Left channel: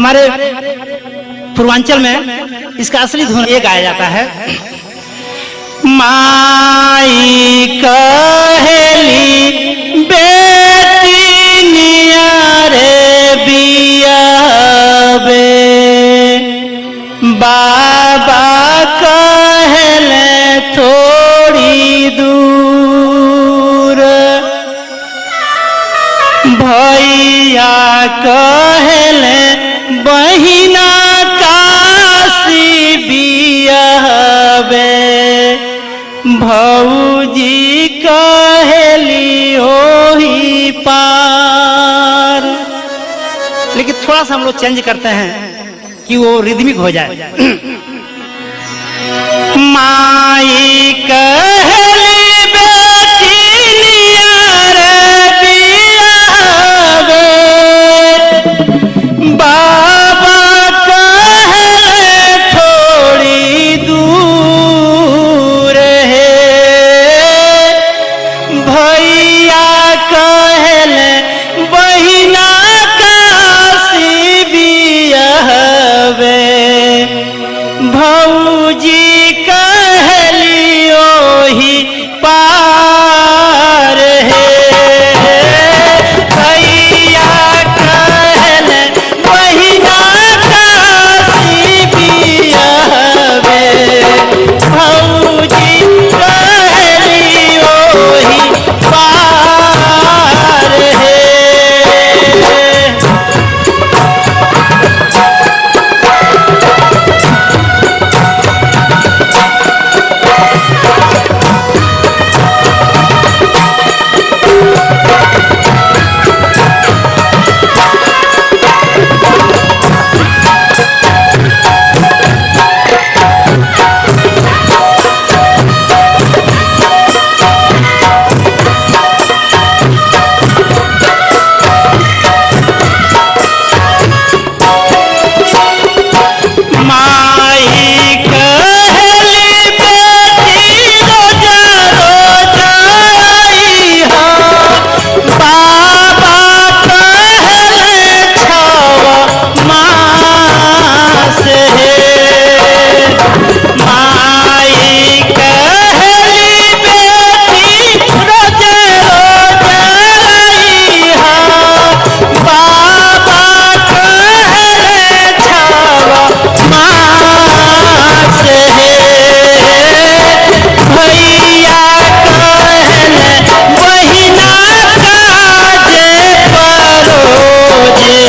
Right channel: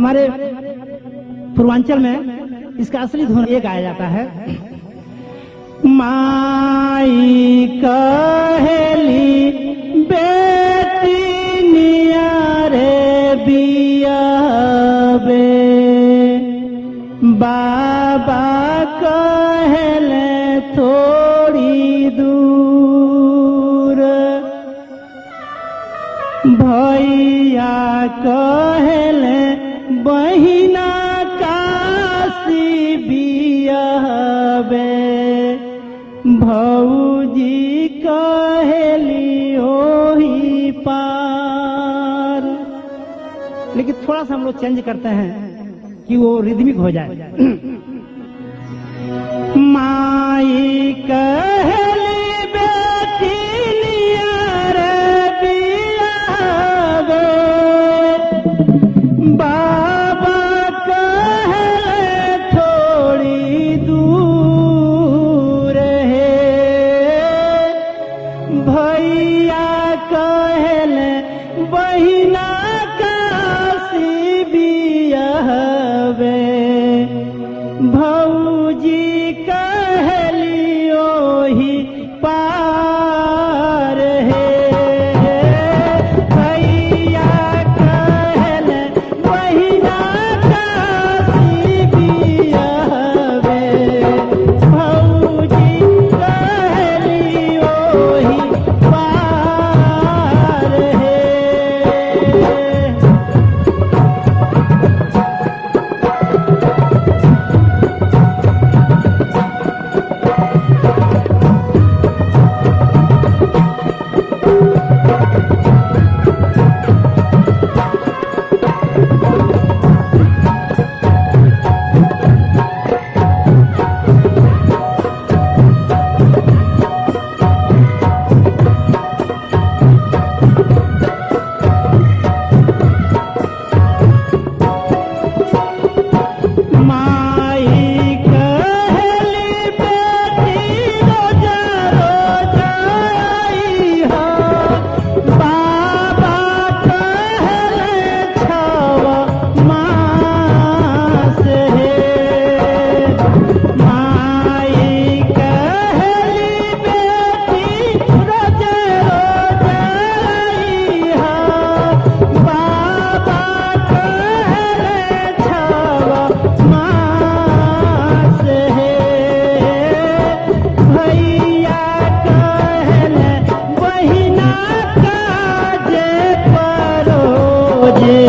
हमारे पूर्वांचल में इसका असली धुन ये गाया जाता है। माई कहेली बेटी नियारे बियाबे, बाबा कहले थोड़ी दूर, भैया कहले बहिना काशी बियाबे, भौजी कहली ओही पार। लेकिन थोड़ा सा हम लोग चेंज करते हैं कि वो रिदमिक हो जाए। माई कहली बेटी नियारे बियाबे, बाबा कहले थोड़ी दूर है, भैया कहले बहिना काशी बियाबे, भौजी कहली ओही पार है, भैया कहले बहिना काशी बियाबे, भौजी कहली ओही पार है। माई कहली बेटी रोजा रोजा आइहा, बाबा कहले छवा मास है, माई कहली बेटी रोजा रोजा आइहा, बाबा कहले छवा मास है, भैया कहले बहिना काजे परोजे,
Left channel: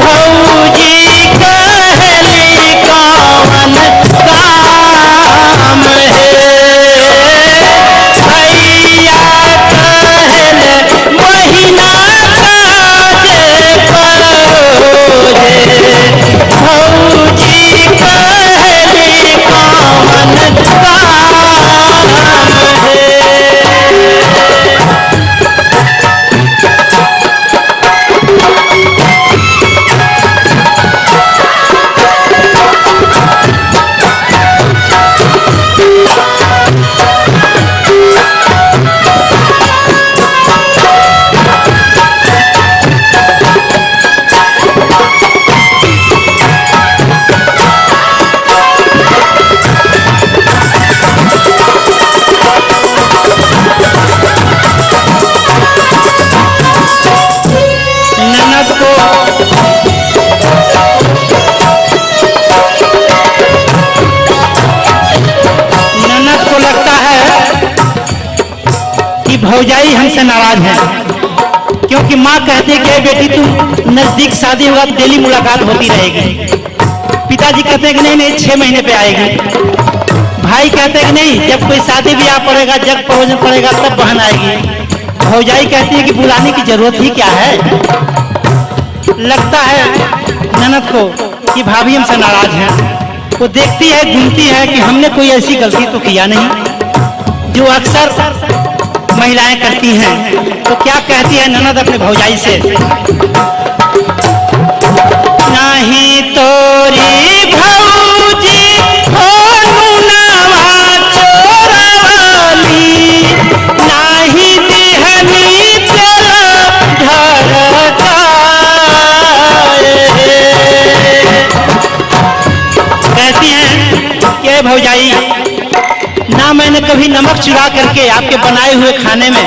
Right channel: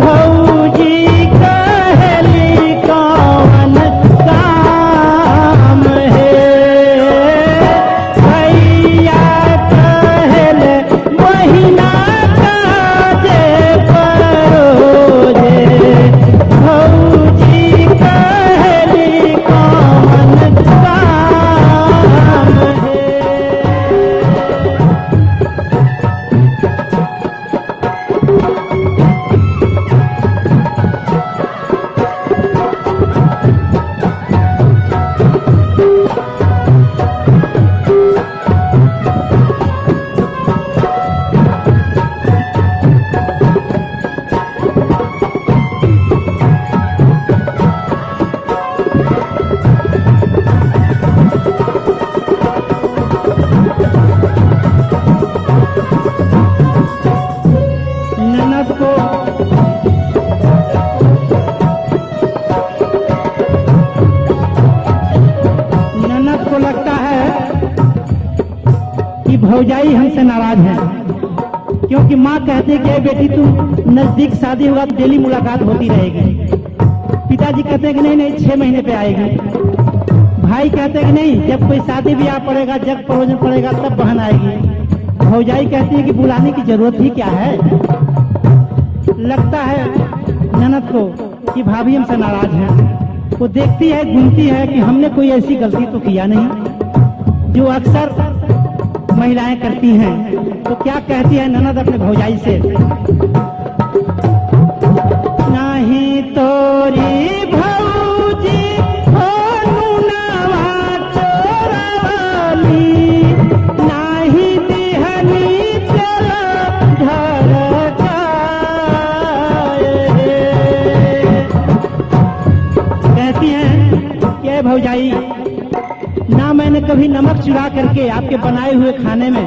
भौजी कहली कौन काम है, भैया कहले बहिना काजे परोजे, भौजी कहली कौन काम है। ननद को लगता है कि भौजाई हमसे नाराज है, क्योंकि माँ कहती है कि बेटी तुम नजदीक शादी होगा तो डेली मुलाकात होती रहेगी। पिताजी कहते हैं कि नहीं नहीं 6 महीने पे आएगी। भाई कहते हैं कि नहीं जब कोई शादी ब्याह पड़ेगा, जग परोजन पड़ेगा तब बहन आएगी। भौजाई कहती है कि बुलाने की जरूरत ही क्या है। लगता है ननद को कि भाभी हमसे नाराज है। वो देखती है, घूमती है कि हमने कोई ऐसी गलती तो किया नहीं जो अक्सर महिलाएं करती हैं। तो क्या कहती है ननद अपने भौजाई से, नहीं तोरी भौजी हो नुनावा चोरवाली, नहीं दिहनी तेरा ढरकाए, कभी नमक चुरा करके आपके बनाए हुए खाने में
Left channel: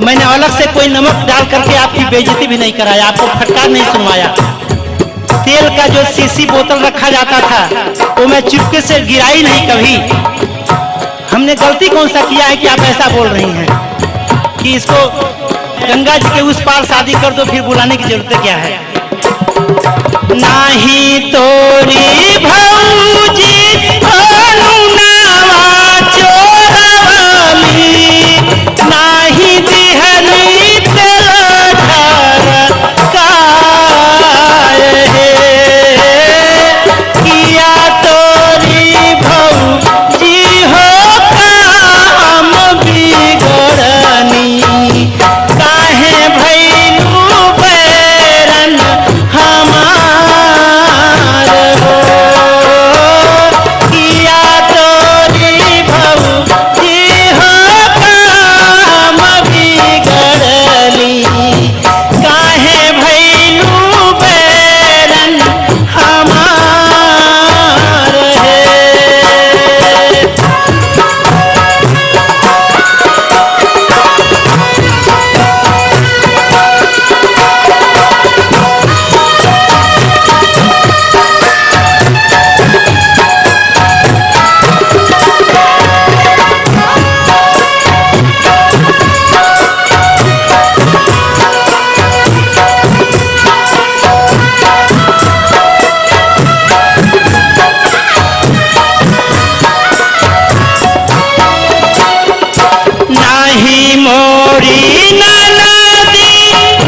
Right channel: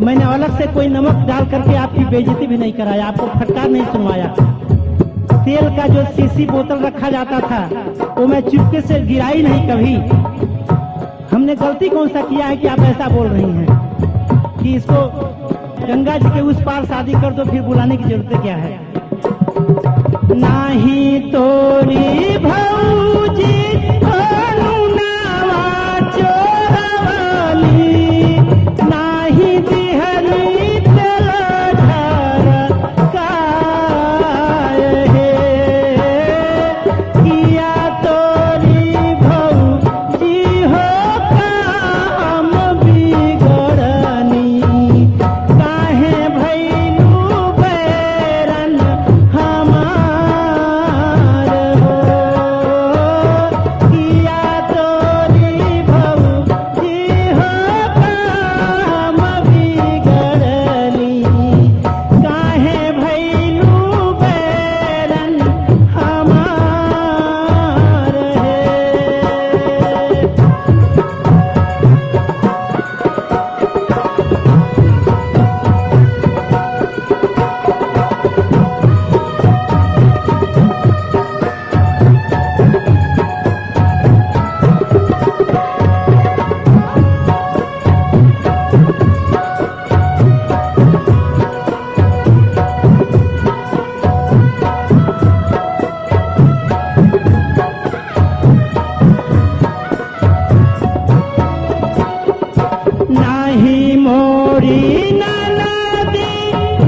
मैंने अलग से कोई नमक डाल करके आपकी बेइज्जती भी नहीं कराया, आपको फटकार नहीं सुनवाया। तेल का जो सीसी बोतल रखा जाता था वो मैं चुपके से गिराई नहीं कभी। हमने गलती कौन सा किया है कि आप ऐसा बोल रही हैं कि इसको गंगा जी के उस पार शादी कर दो, फिर बुलाने की जरूरत क्या है। नाही तोरी भौजी अनुनावा चोरवली, नाही दिहली तेलधर काय हे, किया तोरी भौजी हो काम बिगड़नी, काहे भैलू बैरन हमार हो, किया तोरी भौजी हो काम बिगड़ली, काहे भैलू बैरन हमार है। नाही मोरी ननदी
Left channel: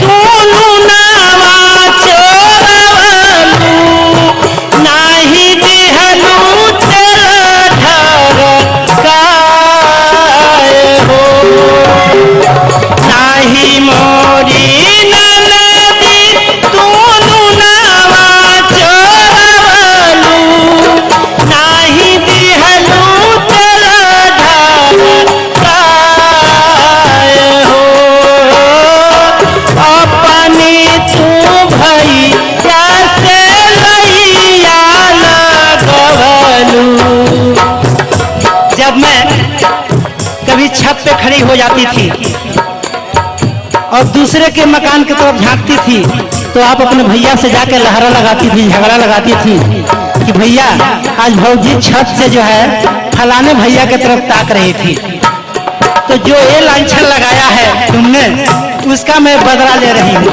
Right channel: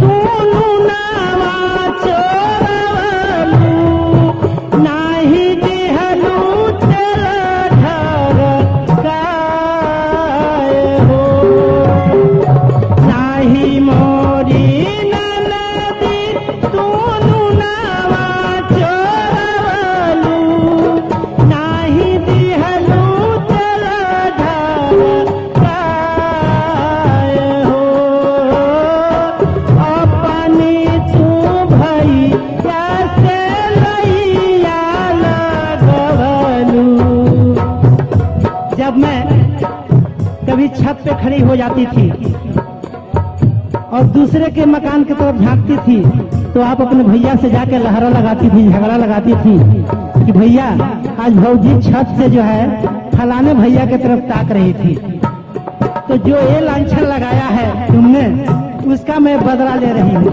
दुनु नावा चोरवलू, नाही दिहलू तेलधर काय हो, नाही मोरी ननदी दुनु नावा चोरवलू, नाही दिहलू तेलधर काय हो, अपनी तू भैया से लैया लगवलू। जब मैं कभी छत पे खड़ी हो जाती थी और दूसरे के मकान की तरफ झांकती थी तो आप अपने भैया से जाकर लहरा लगाती थी, झगड़ा लगाती थी कि भैया आज भौजी छत से जो है फलाने भैया की तरफ ताक रही थी, तो जो ये लांछन लगाया है तुमने उसका मैं बदला ले रही हूँ।